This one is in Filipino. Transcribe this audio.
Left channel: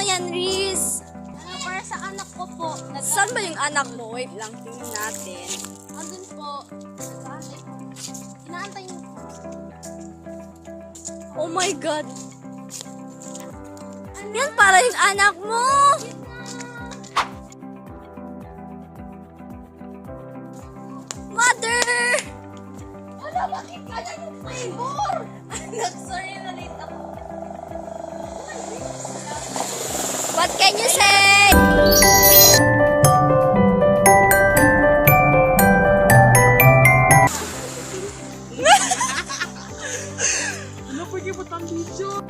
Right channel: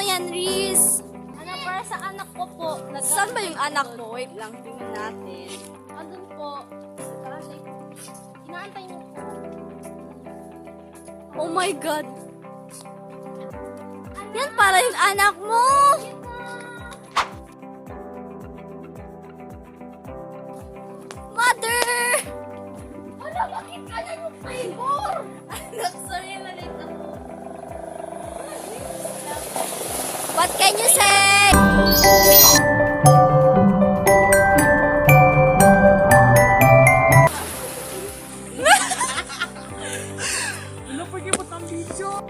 mo yan, Riz? Ano, para sa anak ko po. Saan ba yung anak mo? Wait lang, tingnan natin. Andun po. Nag-aantay po. Inaantay niyo po. Oh my God. Yan para yung anak mo. Mother! Wala, bakit kaya yung flavor? Anak, sorry na late ako. What can you say? Ano, pwede mo tang video?